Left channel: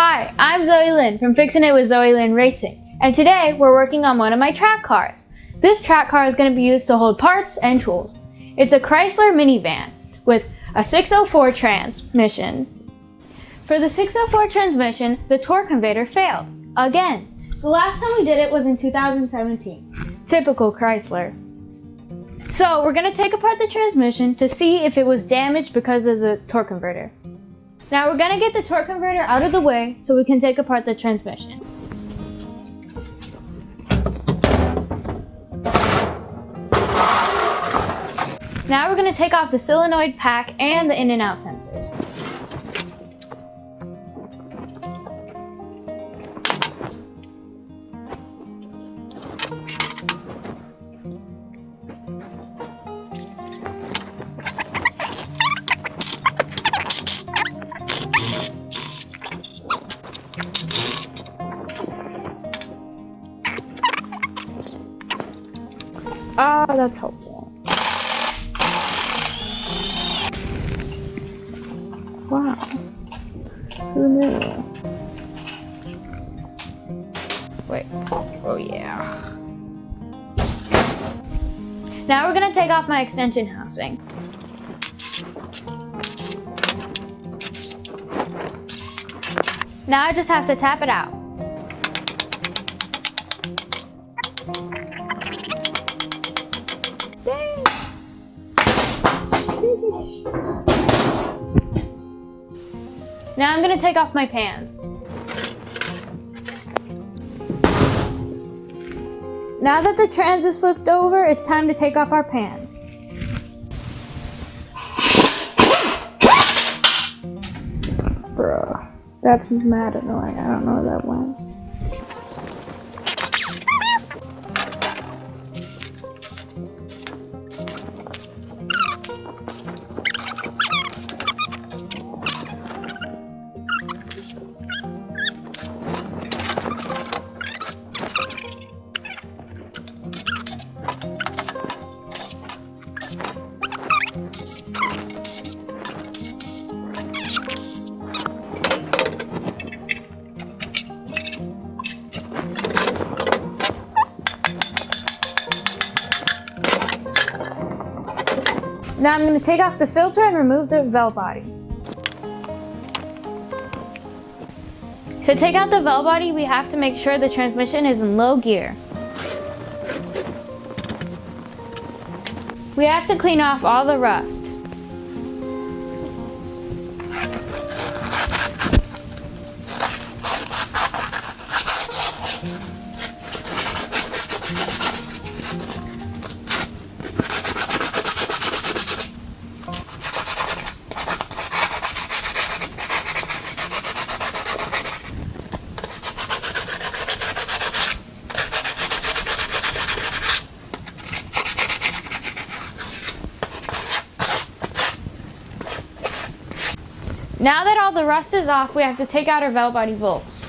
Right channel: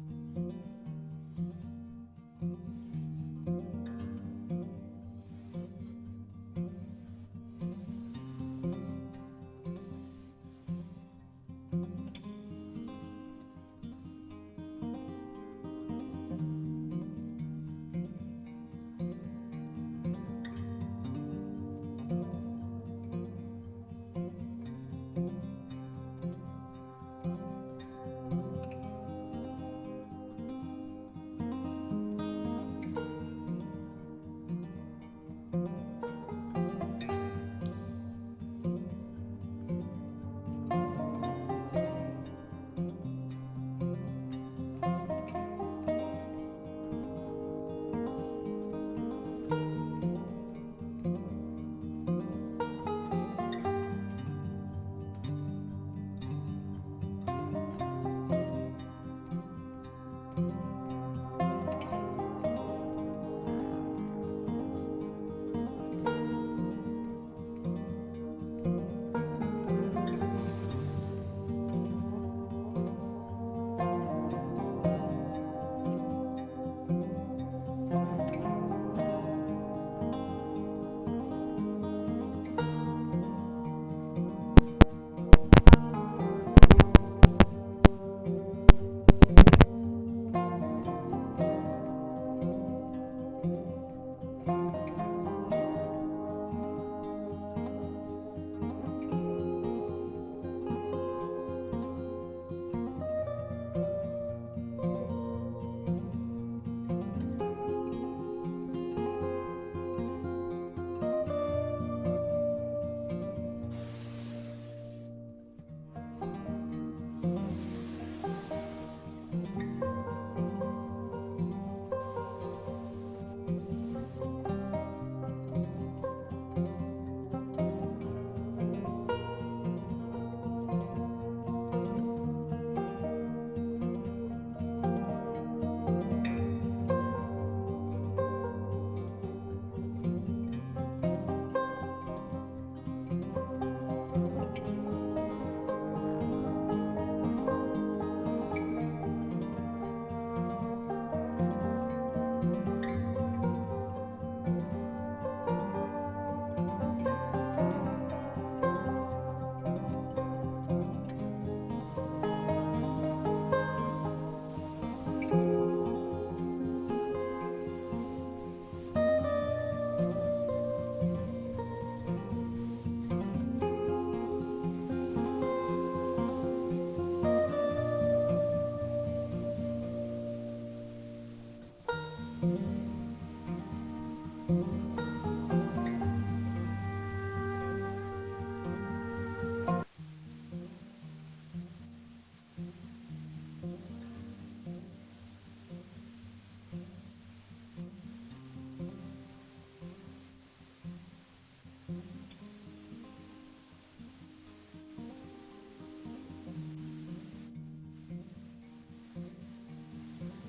Hi, I'm Zoe Lyn from Fixin' It with Zoe Lyn Racing, and today we're working on one of my track cars. This track car is going to be used to hold parts and tools. It's a Chrysler minivan with a 604 transmission. For the 604 transmission, the torque converter failed. Again, the last time we did it was in 2017. Typical Chrysler. So we're going to take apart the transmission to see if it was damaged because of the torque converter. Now we're going to get the torque converter out of the way so we can take apart the transmission. Now we're going to take off the solenoid pack and the in and out sensors. Oh, that's helpful. Wow. Who knew? Wait. Oh, yeah. Now we're going to take off my extension housing. Now I just have to tap it out. Now I'm going to take off my pans. Now that the trans is flipped over, it's time to take off our pans. Bruh, that's mad annoying. I don't know where that went. Now I'm going to take off the filter and remove the valve body. To take out the valve body, we have to make sure the transmission is in low gear. We have to clean off all the rust. Now that all the rust is off, we have to take out our valve body bolts.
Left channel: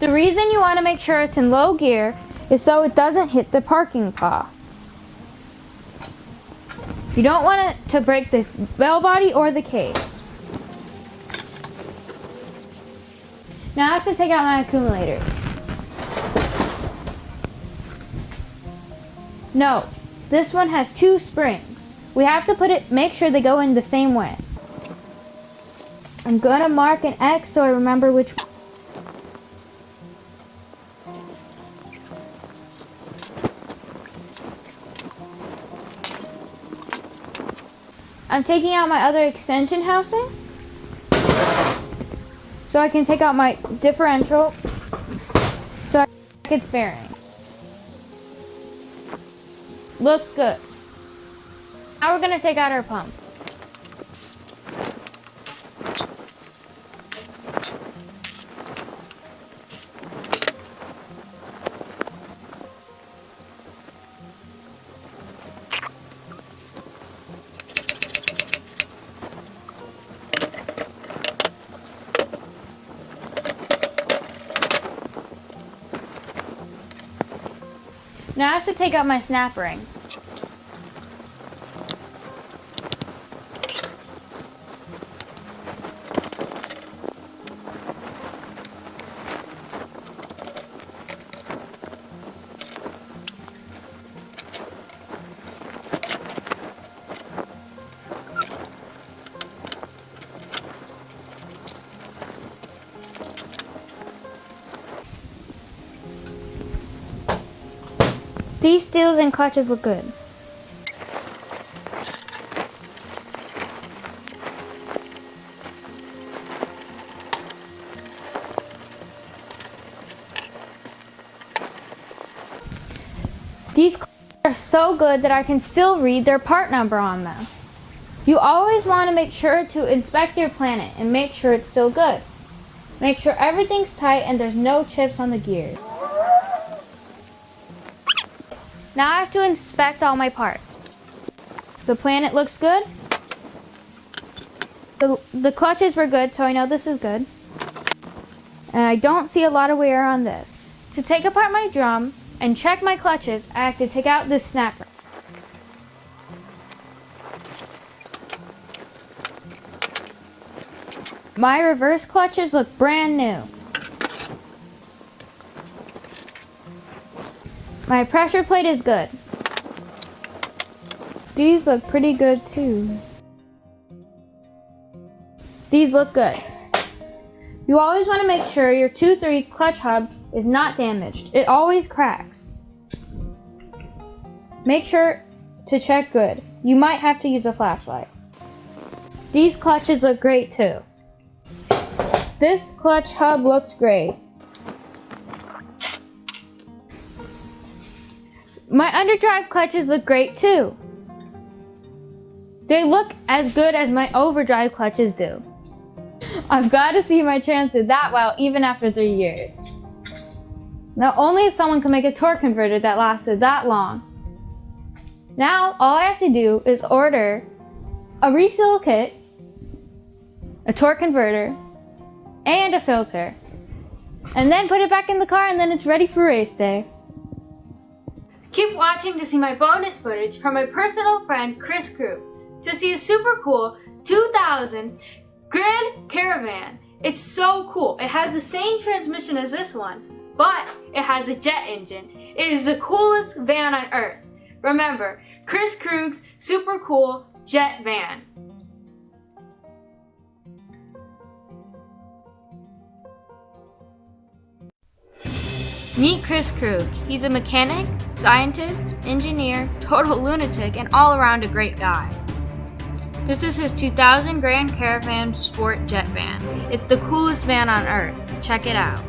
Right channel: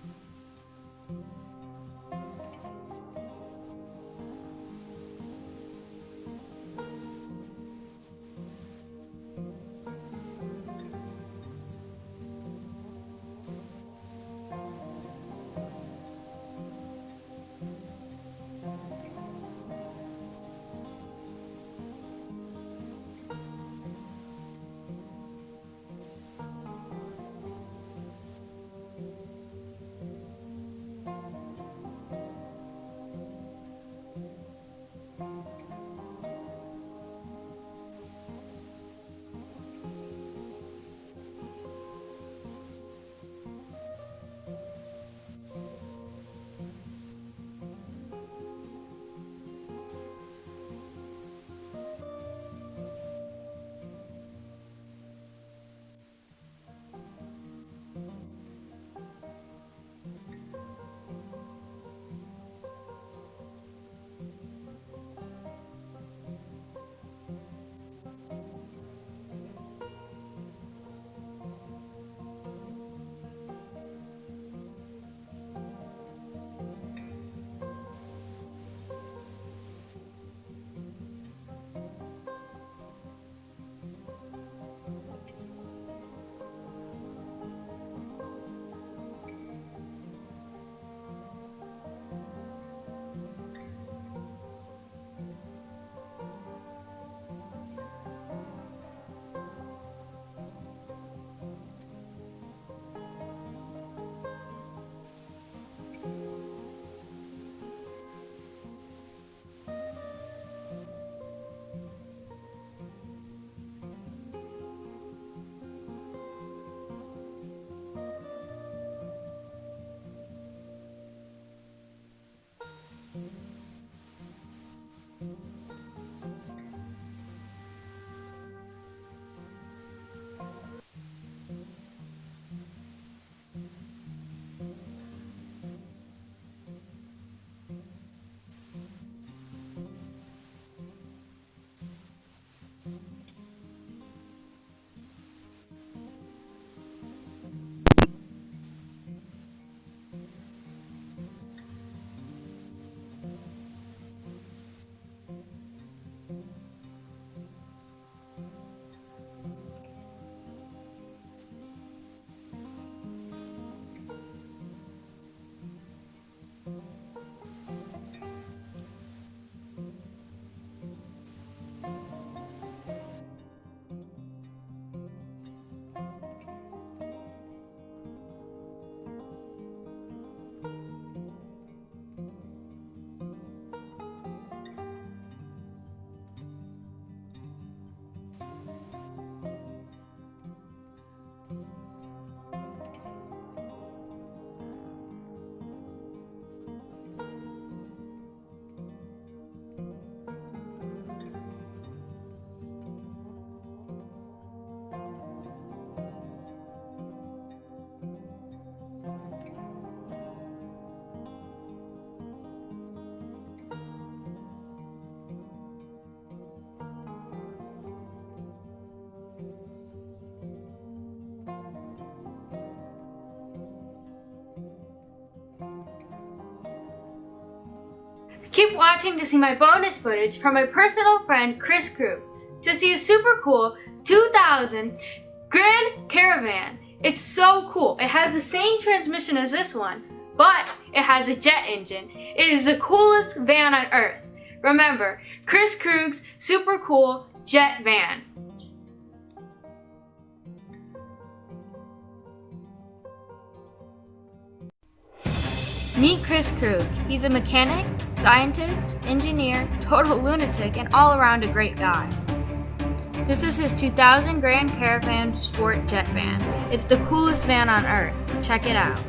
The reason you want to make sure it's in low gear is so it doesn't hit the parking paw. You don't want it to break the valve body or the case. Now I have to take out my accumulator. No, this one has 2 springs. We have to make sure they go in the same way. I'm gonna mark an X so I remember which one. I'm taking out my other extension housing so I can take out my differential so I can its bearing. Looks good. Now we're gonna take out our pump. Now I have to take out my snap ring. These steels and clutches look good. These clutches are so good that I can still read their part number on them. You always want to make sure to inspect your planet and make sure it's still good. Make sure everything's tight and there's no chips on the gears. Now I have to inspect all my parts. The planet looks good. The clutches were good, so I know this is good. And I don't see a lot of wear on this. To take apart my drum and check my clutches, I have to take out this snapper. My reverse clutches look brand new. My pressure plate is good. These look pretty good too. These look good. You always want to make sure your 2-3 clutch hub is not damaged. It always cracks. Make sure to check good. You might have to use a flashlight. These clutches look great too. This clutch hub looks great. My underdrive clutches look great too. They look as good as my overdrive clutches do. I've got to see my chance did that well even after 3 years. Now only if someone can make a torque converter that lasted that long. Now all I have to do is order a reseal kit, a torque converter, and a filter. And then put it back in the car and then it's ready for race day. Keep watching to see my bonus footage from my personal friend Chris Krug to see a super cool 2000 Grand Caravan. It's so cool. It has the same transmission as this one, but it has a jet engine. It is the coolest van on earth. Remember, Chris Krug's super cool jet van. Meet Chris Krug. He's a mechanic, scientist, engineer, total lunatic, and all around a great guy. This is his 2000 Grand Caravan Sport Jet Van. It's the coolest van on earth. Check it out.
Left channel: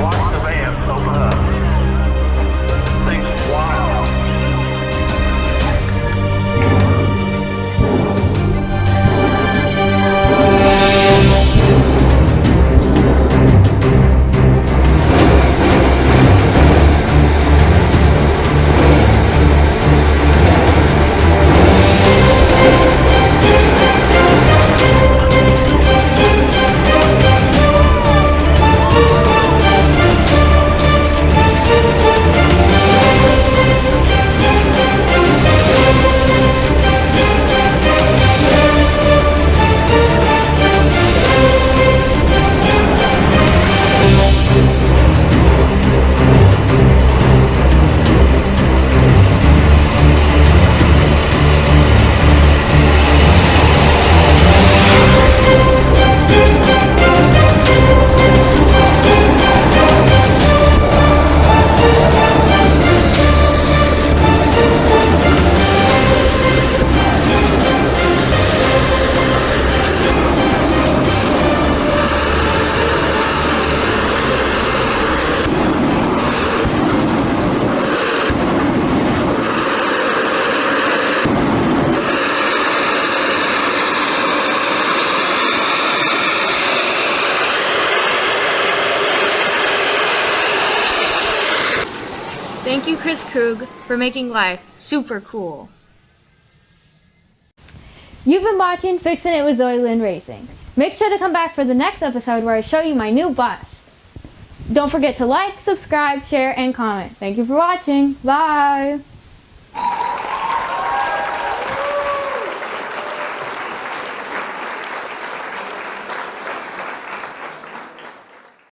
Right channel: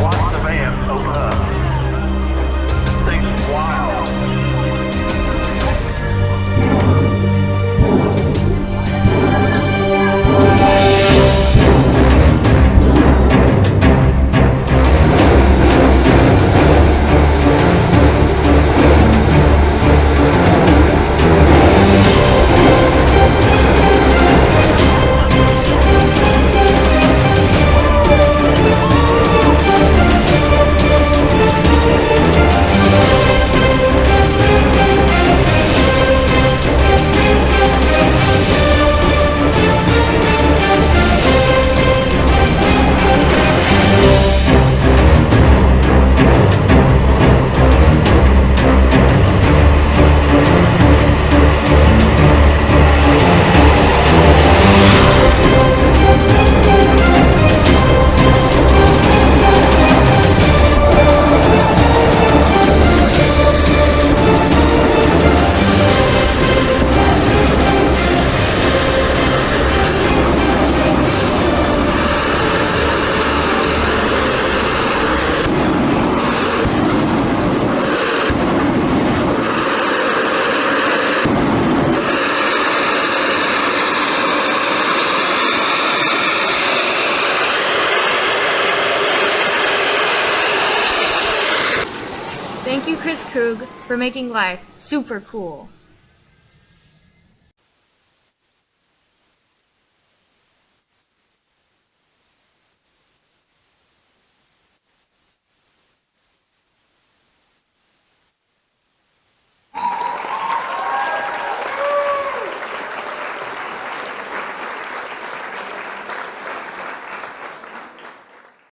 Watch the van open up. Things are wild. Thank you, Chris Krug, for making life super cool. You've been watching Fixin' It with Zoe Lyn Racing. Make sure to come back for the next episode where I show you my new bus. Don't forget to like, subscribe, share, and comment. Thank you for watching. Bye!